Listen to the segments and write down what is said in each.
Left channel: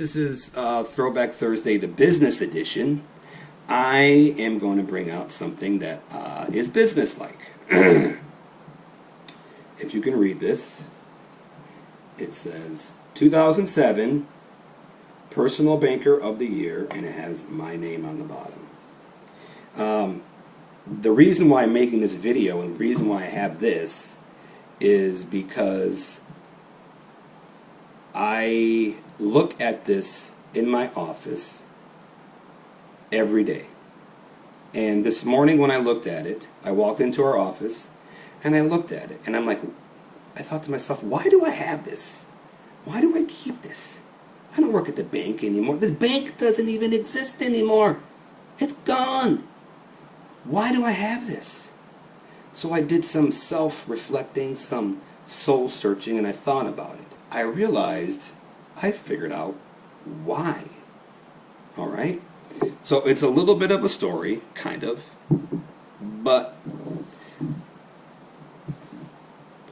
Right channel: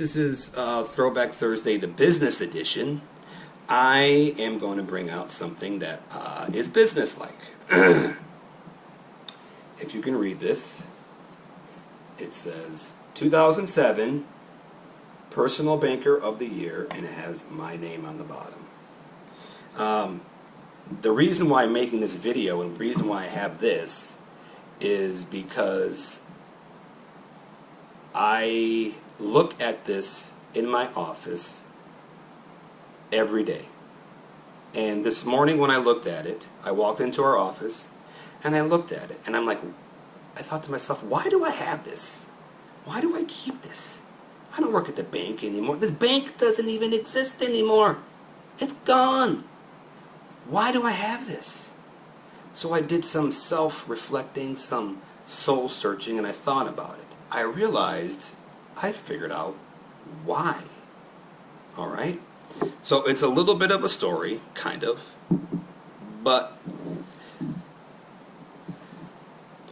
This is Throwback Thursday, the Business Edition. I am going to bring out something that is business-like. If you can read this, it says 2007 Personal Banker of the Year, and it has my name on the bottom. The reason why I'm making this video and the reason why I have this is because I look at this in my office every day. And this morning when I looked at it, I walked into our office and I looked at it and I'm like, I thought to myself, why do I have this? Why do I keep this? I don't work at the bank anymore. The bank doesn't even exist anymore. It's gone. Why do I have this? So I did some self-reflecting, some soul-searching, and I thought about it. I realized I figured out why. All right? So it's a little bit of a story, kind of, but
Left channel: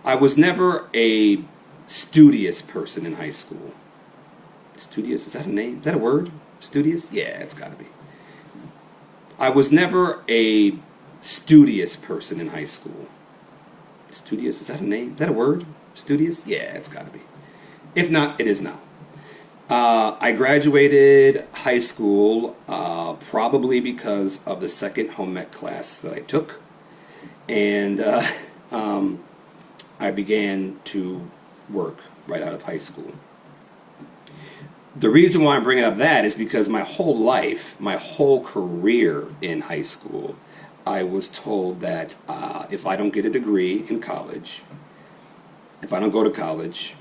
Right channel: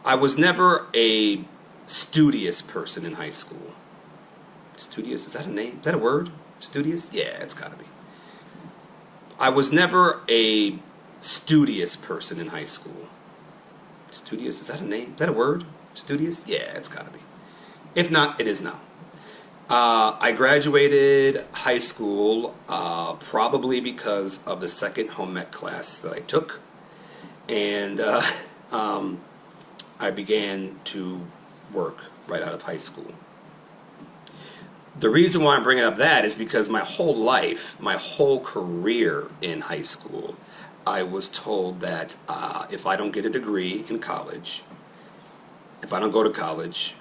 I was never a studious person in high school. Studious, is that a name? Is that a word? Studious? Yeah, it's got to be. I was never a studious person in high school. Studious, is that a name? Is that a word? Studious? Yeah, it's got to be. If not, it is now. I graduated high school probably because of the second home ec class that I took. And I began to work right out of high school. The reason why I'm bringing up that is because my whole life, my whole career in high school, I was told that if I don't get a degree in college, if I don't go to college,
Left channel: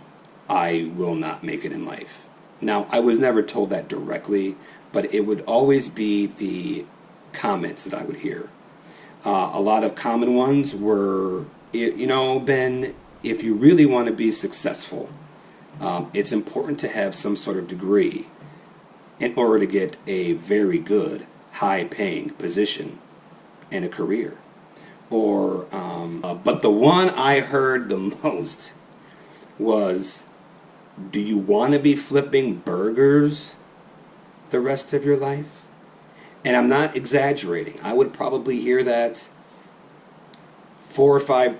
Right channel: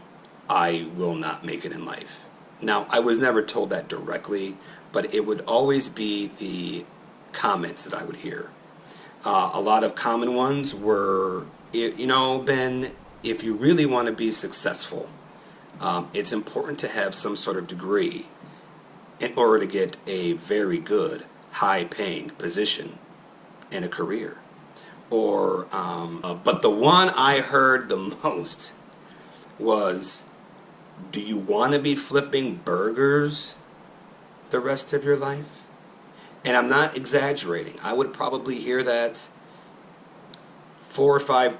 I will not make it in life. Now, I was never told that directly, but it would always be the comments that I would hear. A lot of common ones were, you know, Ben, if you really want to be successful, it's important to have some sort of degree in order to get a very good, high-paying position and a career. Or, but the one I heard the most was, do you want to be flipping burgers the rest of your life? And I'm not exaggerating. I would probably hear that four or five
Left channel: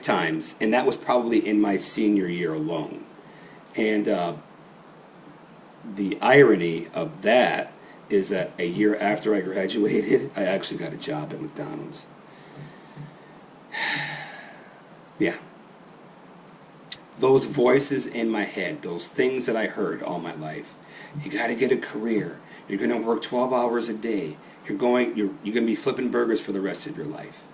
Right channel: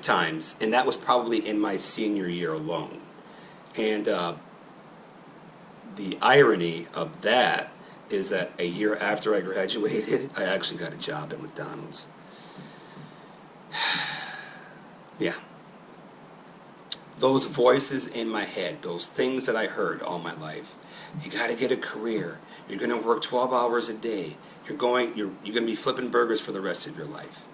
times, and that was probably in my senior year alone. And the irony of that is that a year after I graduated, I actually got a job at McDonald's. Yeah. Those voices in my head, those things that I heard all my life. You got to get a career. You're going to work 12 hours a day. You're going to be flipping burgers for the rest of your life.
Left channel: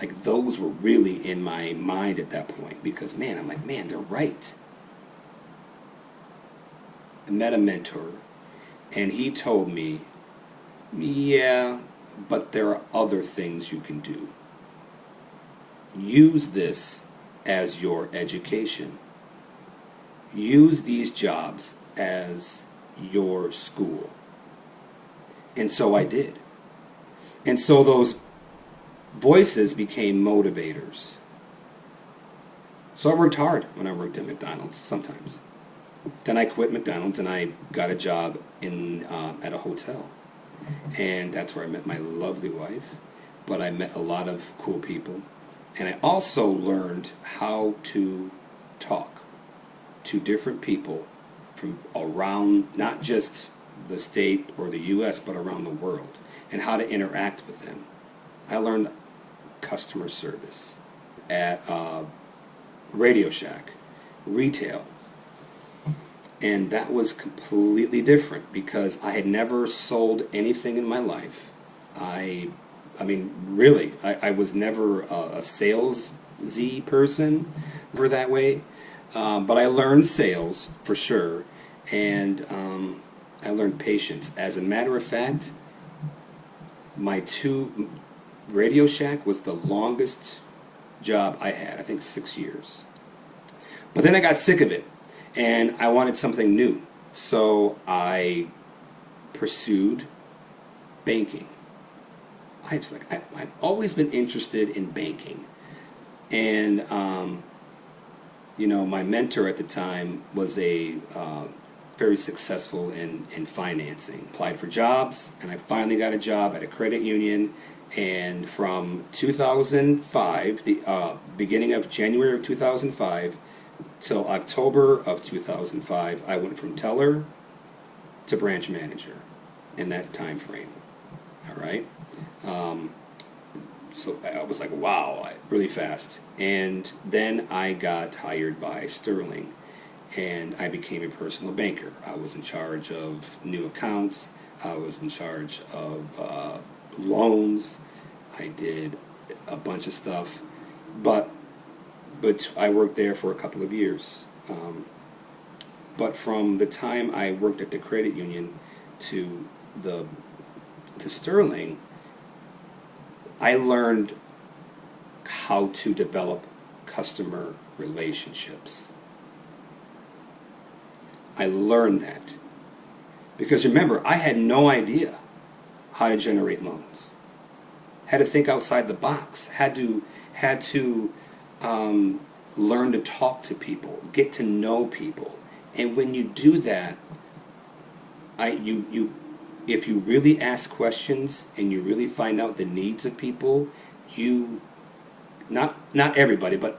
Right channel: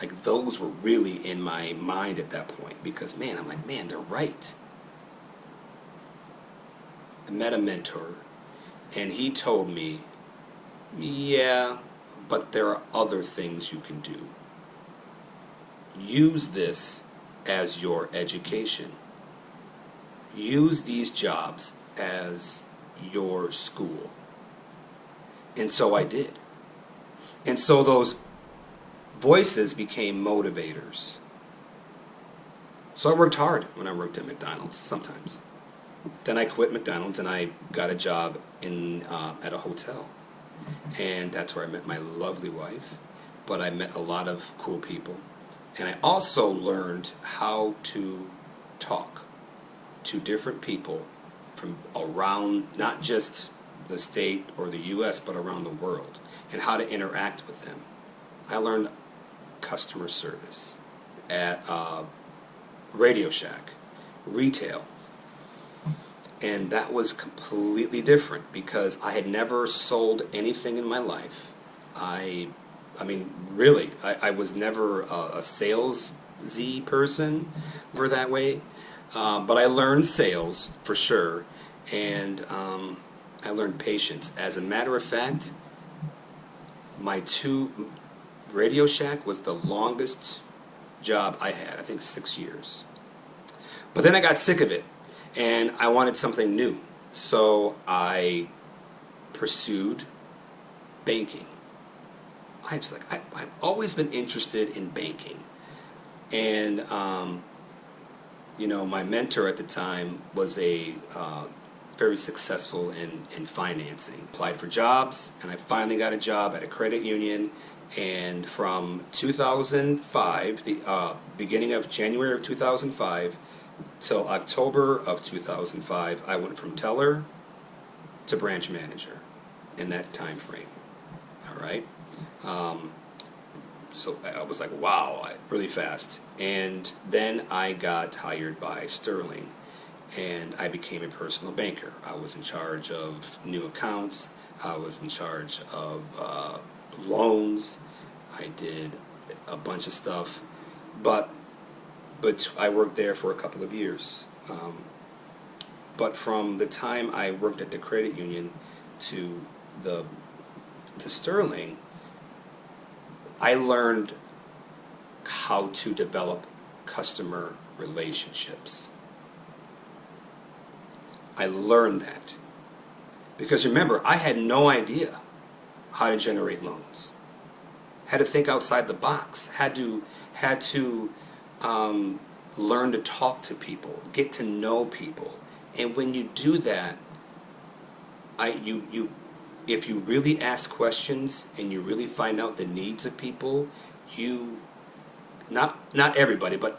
Like, those were really in my mind at that point because, man, I'm like, man, they're right. I met a mentor, and he told me, yeah, but there are other things you can do. Use this as your education. Use these jobs as your school. And so I did. And so those voices became motivators. So I worked hard when I worked at McDonald's sometimes. Then I quit McDonald's and I got a job in at a hotel. And that's where I met my lovely wife. But I met a lot of cool people. And I also learned how to talk to different people from around, not just the state or the U.S., but around the world, and how to interact with them. I learned customer service at Radio Shack, retail. And that was completely different because I had never sold anything in my life. I mean, really, I was never a sales-y person for that way. But I learned sales for sure, and I learned patience. As a matter of fact, Radio Shack was the longest job I had, I think 6 years. But then I got sick of it, and I wanted something new. So I pursued banking. I've always been interested in banking. And, you know, my mentor at the time was a very successful in financing. Applied for jobs, and I finally got a job at a credit union. And from 2005, the beginning of January of 2005 till October of 2005, I went from teller to branch manager in that time frame. All right. So I was like, wow, really fast. And then I got hired by Sterling, and I became a personal banker. I was in charge of new accounts. I was in charge of loans. I did a bunch of stuff, but I worked there for a couple of years. But from the time I worked at the credit union to Sterling, I learned how to develop customer relationships. I learned that because, remember, I had no idea how to generate loans. Had to think outside the box. Had to learn to talk to people, get to know people. And when you do that, if you really ask questions and you really find out the needs of people, not everybody, but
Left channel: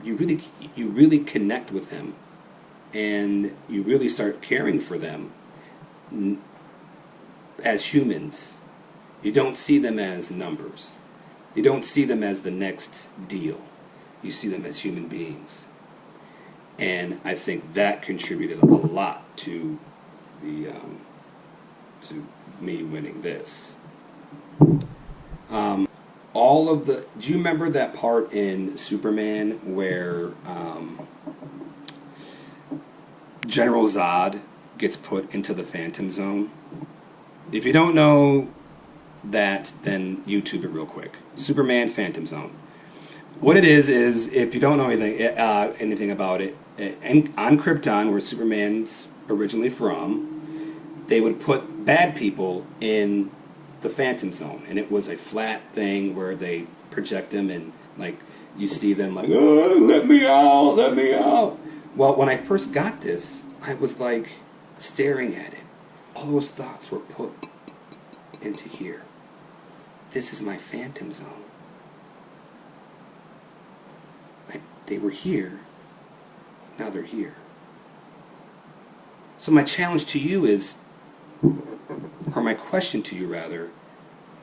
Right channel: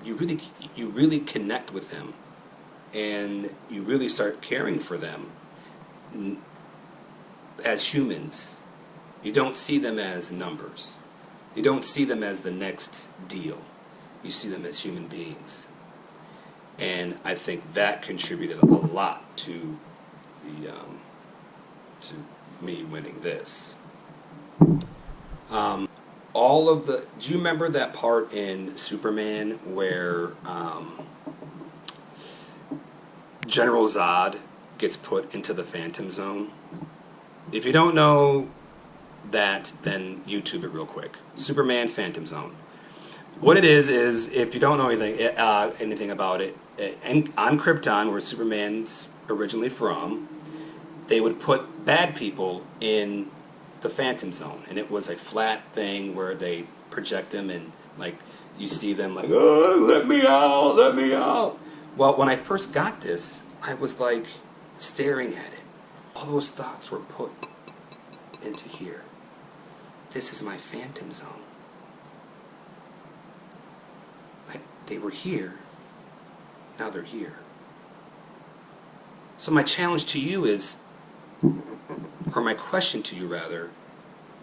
you really connect with them, and you really start caring for them as humans. You don't see them as numbers. You don't see them as the next deal. You see them as human beings. And I think that contributed a lot to me winning this. Do you remember that part in Superman where General Zod gets put into the Phantom Zone? If you don't know that, then YouTube it real quick. Superman Phantom Zone. What it is if you don't know anything about it, on Krypton, where Superman's originally from, they would put bad people in the Phantom Zone, and it was a flat thing where they project them, and like you see them like, oh, let me out, let me out. Well, when I first got this, I was like staring at it. All those thoughts were put into here. This is my Phantom Zone. They were here. Now they're here. So my challenge to you is, or my question to you rather,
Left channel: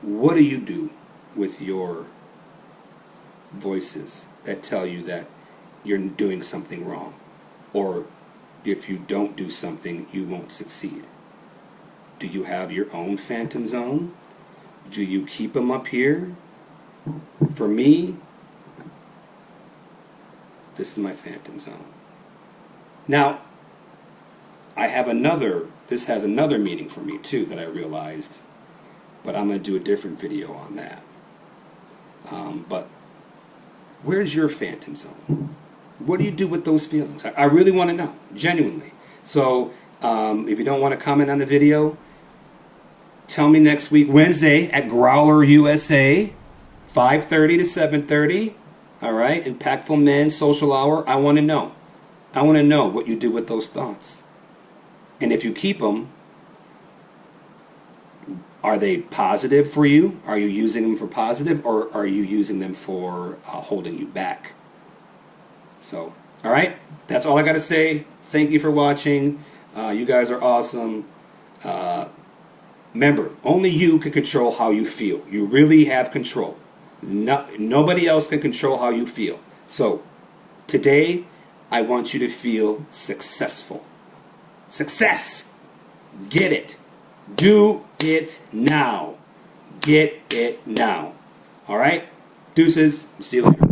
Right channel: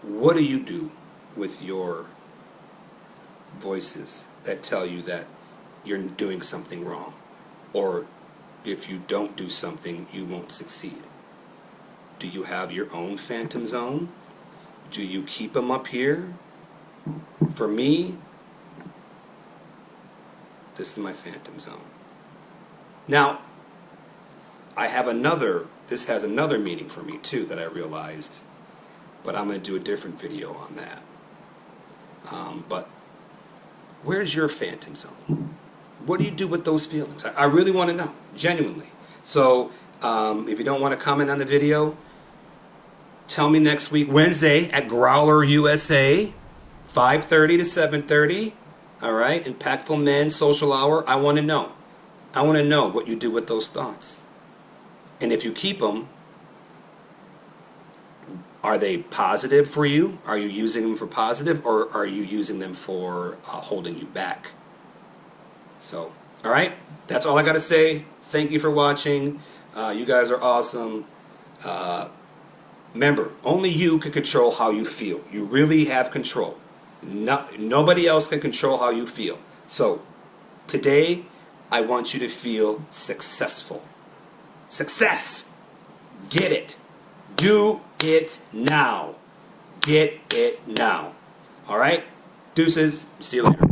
what do you do with your voices that tell you that you're doing something wrong? Or if you don't do something, you won't succeed? Do you have your own Phantom Zone? Do you keep them up here? For me, this is my Phantom Zone. Now, this has another meaning for me too that I realized, but I'm going to do a different video on that. But where's your Phantom Zone? What do you do with those feelings? I really want to know, genuinely. So if you don't want to comment on the video, tell me next week, Wednesday at Growler USA, 5:30 to 7:30. All right, Impactful Men Social Hour. I want to know. I want to know what you do with those thoughts. And if you keep them, are they positive for you? Are you using them for positive, or are you using them for holding you back? So, all right, that's all I got to say. Thank you for watching. You guys are awesome. Remember, only you can control how you feel. You really have control. Nobody else can control how you feel. So, today, I want you to feel successful. Success! Get it. Do it now. Get it now. All right? Deuces. See you later.